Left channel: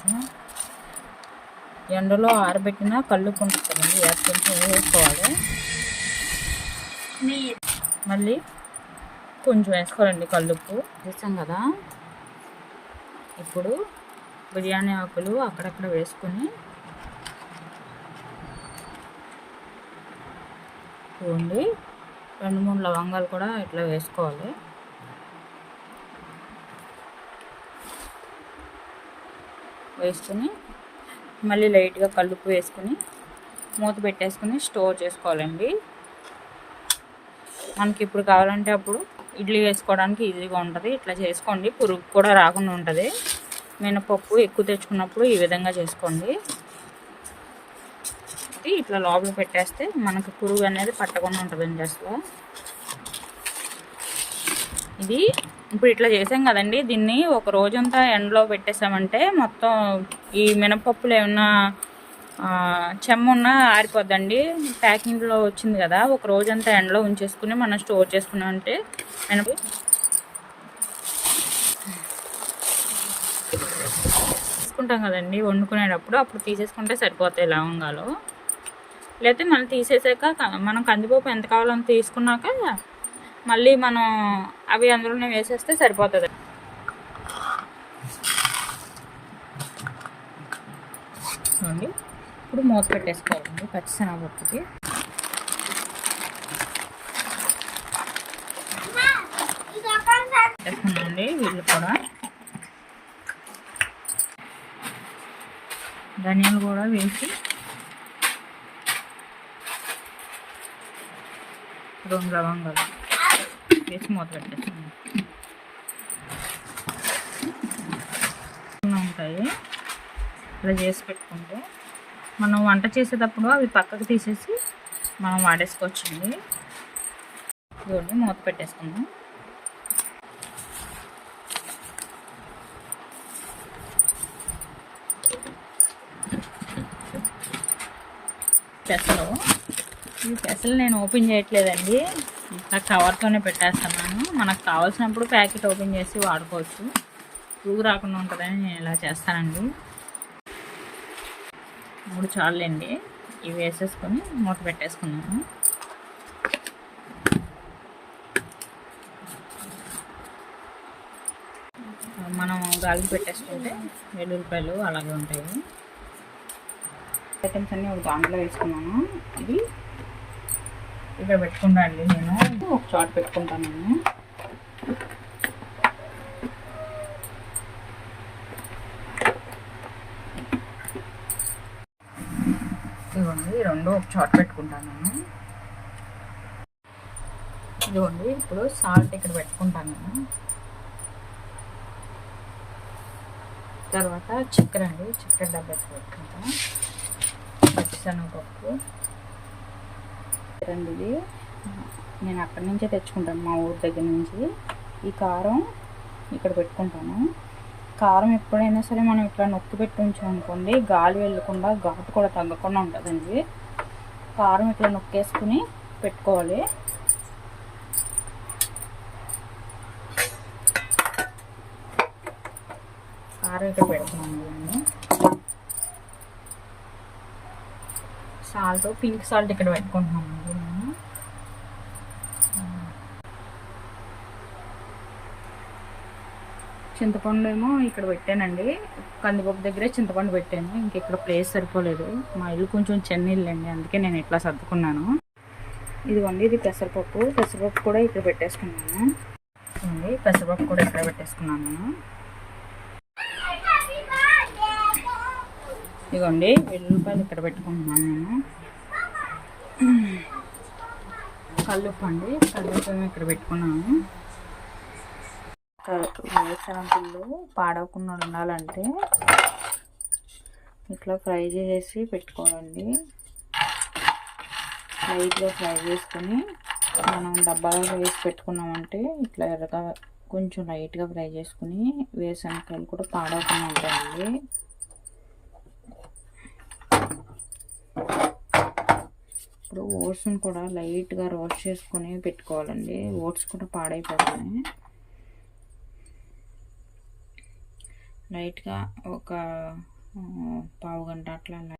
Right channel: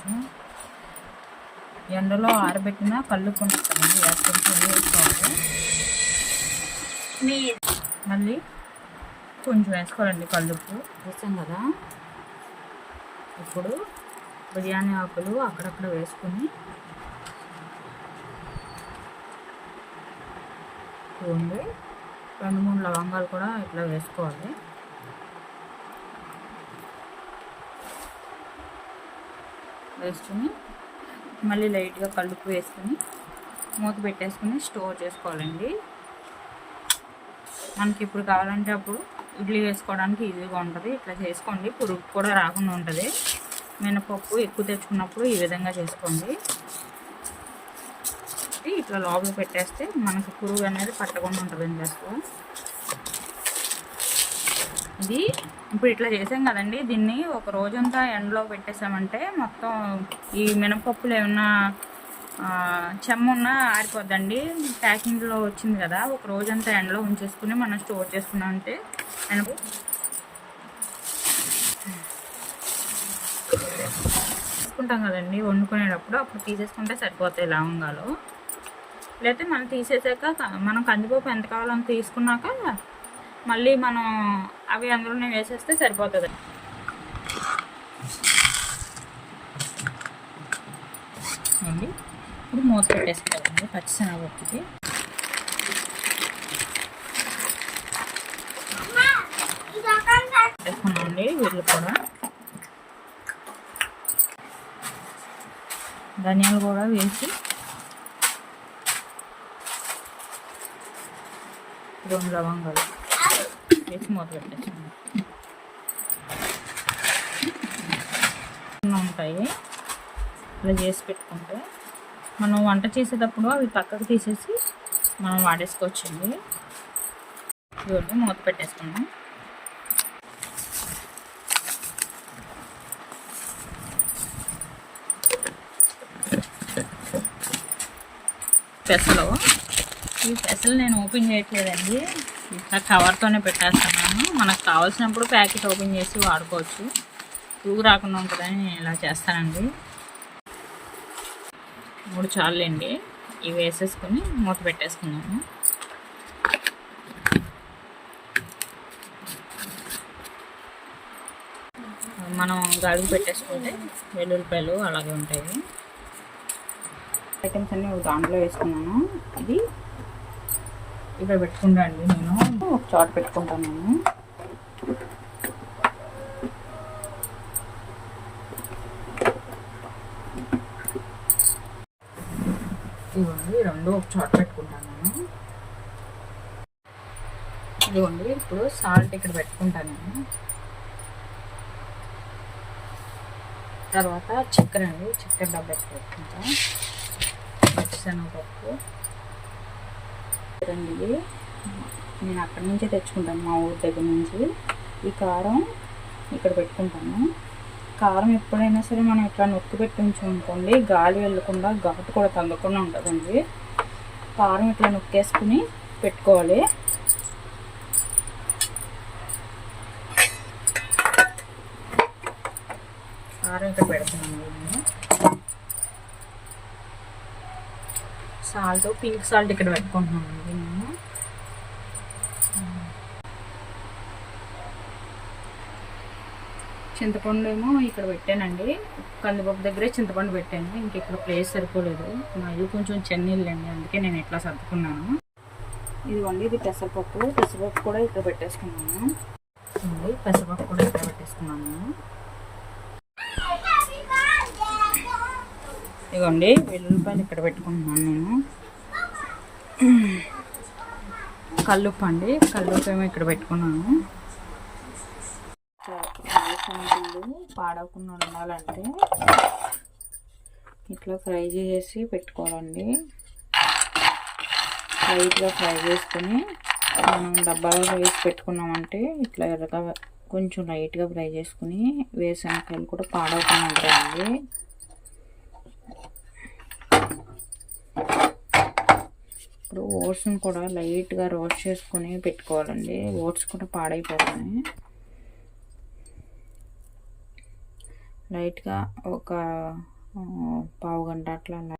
కొంచెం ఎండలో ఆరబెట్టిన కల్లుప్పు ఉంటుంది, కొంచెం వేసుకోవాలి. మళ్ళీ కొంచెం వేసుకోవాలండి కల్లుప్పు. వేస్తాం కదా, ఇప్పుడు బిర్యానీ ఆకులు అక్కడక్కడ వేసుకొని చూడండి, 2-3 లవంగాలు కూడా ఇట్లా వేసుకోవాలి. వేసుకొని మళ్ళీ లైట్గా కల్లుప్పు వేసుకొని మూత పెట్టేసుకొని స్టోర్ చేసుకోవాలండి. మనకి ఇప్పుడు కావాలంటే అప్పుడు ఇడ్లీ వేసుకోవడానికి ఈజీగా ఉంటుంది. ఇట్లా చేసుకోండి, పురుగు కూడా రాకుండా ఉంటుంది. మినపప్పు ఎక్కువ తెచ్చుకున్నప్పుడు ఈ విధంగా చేసుకోండి. ఇట్లా లోపల పెట్టేస్తే మనకు పురుగు అనేది పట్టకుండా ఉంటుందండి. అసలు ఇది ఇప్పుడు ఇట్లా చేసాం కదండి, దీన్ని ఒక రోజంతా ఎండలో పెట్టేసామంటే మొత్తం ఈ మినపప్పులు ఏమన్నా చెమ్మున్నా ఆరిపోద్దండి. ప్యాకింగ్లో వచ్చింది కదా, ఒక రోజంతా ఎండలో ఉంచేసుకుని మనం స్టోర్ చేసుకున్నామంటే తీసుకుంటాం కదండి వండుకునేటప్పుడు, అప్పుడు తీసేసుకుంటే సరిపోతాయి లవంగాలు. లేకపోతే మనం తీసేసాక మనం కందిపప్పు ఎంత కావాలో అంత తీసుకున్నాక మళ్ళీ మనం అవి అందులోనే వేసేస్తే సరిపోతుంది. అండి ఇప్పుడు మూత పెట్టేసుకోవాలండి పచ్చిశనగపప్పుకి. పెట్టేసుకున్నామండి వీళ్ళు కూడా. ధనియాలు కూడా వేసి 2 లవంగాలు వేసి మూత పెట్టేసుకున్నాం. ఉంటాయి ఇలా చేసి పెట్టుకుంటే మనం వంట చేసేటప్పుడు అవి పక్కకు తీసేసి మనం వాడేసుకోవచ్చండి. ఇవన్నీ మూత పెట్టేసుకున్నాం. ఈ పెసలు నేను ఓపెన్ చేయట్లేదండి, ఇట్లా కవర్తోనే పెట్టేస్తున్నాను. మనకు కావాల్సినప్పుడు ప్యాకెట్ ఓపెన్ చేసి వాడుకోవచ్చు, పురుగు రాకుండా ఉంటుందని నేను ఇలా చేస్తానండి. 3 చాలండి. ఇవి వేసేసుకొని మూత పెట్టేసుకున్నాము. మనం గాలికి పెట్టేసుకుంటే వెల్లుల్లిపాయలు అలాగే ఉంటాయి. ఐటమ్స్ అన్నీ ఒక దాంట్లో వేసుకున్నాను. ఇది ఇక్కడ పెట్టుకుంటా అండి, నేను ఒక చోట పెట్టుకుంటాను. నేను ఇదిగోండి 2 ఒక చోట పెట్టుకుంటాను. ఇదిగోండి ఇప్పుడు సాల్ట్ ఇక్కడ పెట్టుకుంటాను నేను. తర్వాత చక్కెర అండి, చక్కెర డబ్బా పెట్టుకుంటా. పచ్చిశనగపప్పు ఇది నేను అక్కడి నుంచే తెచ్చుకుంటాను, మా ఊరి దగ్గర నుంచి. ఈ కారం ఇక్కడ పెట్టుకుంటాను. కారం ఎప్పుడైనా సరే మనం ఇట్లా నొక్కి పెట్టి ఉంచుకోండి, గాలి వెళ్ళకుండా ఘాటు కూడా తగ్గకుండా ఉంటుందండి. కారం ఇట్లా నొక్కేసుకుని పెట్టుకోవాలి. కారం ఇక్కడ పెడుతున్నాను నేను. సాల్ట్, పింక్ సాల్ట్ ఇక్కడ పెట్టుకుంటున్నాను అండి నేను. చింతపండు ఏమో ఇక్కడ పెట్టానండి, కందిపప్పు దగ్గరే చింతపండు పెట్టాను. ఇంక ఇక్కడ ప్లేస్ సరిపోలేదు, మా ఇల్లు కొంచెం చిన్న ఇల్లు అండి, అందుకే నేను ఇట్లా సర్దుకున్నాను. ఇదిగోండి ఇది పెసరపప్పు, పెసరపప్పు కూడా ఇక్కడ పెట్టేసుకున్నాను. పెసరపప్పు కూడా ఇక్కడ పెట్టేసుకున్నాను నేను. ఇదిగోండి వెల్లుల్లిపాయలు ఇక్కడ పెట్టుకుంటున్నాను నేను. కల్లుప్పు అండి, కల్లుప్పు ఏమో ఇక్కడ పెట్టుకున్నాను. వేరుశనగలు పాడవకుండా ఉండాలంటే ఇట్లా ఫ్రై చేసి పెట్టుకోవాలండి. లైట్గా ఫ్రై చేసుకొని మనం డబ్బాలో వేసి పెట్టుకున్నామంటే ఇట్లా ఎర్రగా కొంచెం లైట్గా ఫ్రై చేసుకుని వేరుశనగలు కూడా పాడవకుండా ఉంటాయండి. ఇప్పుడు ఓట్స్ని కూడా లైట్గా రోస్ట్ చేసుకొని పెట్టుకోవాలండి, ఓట్స్ కూడా పాడైపోతున్నాయి. లైట్గా ఒక పావు గంట అట్లా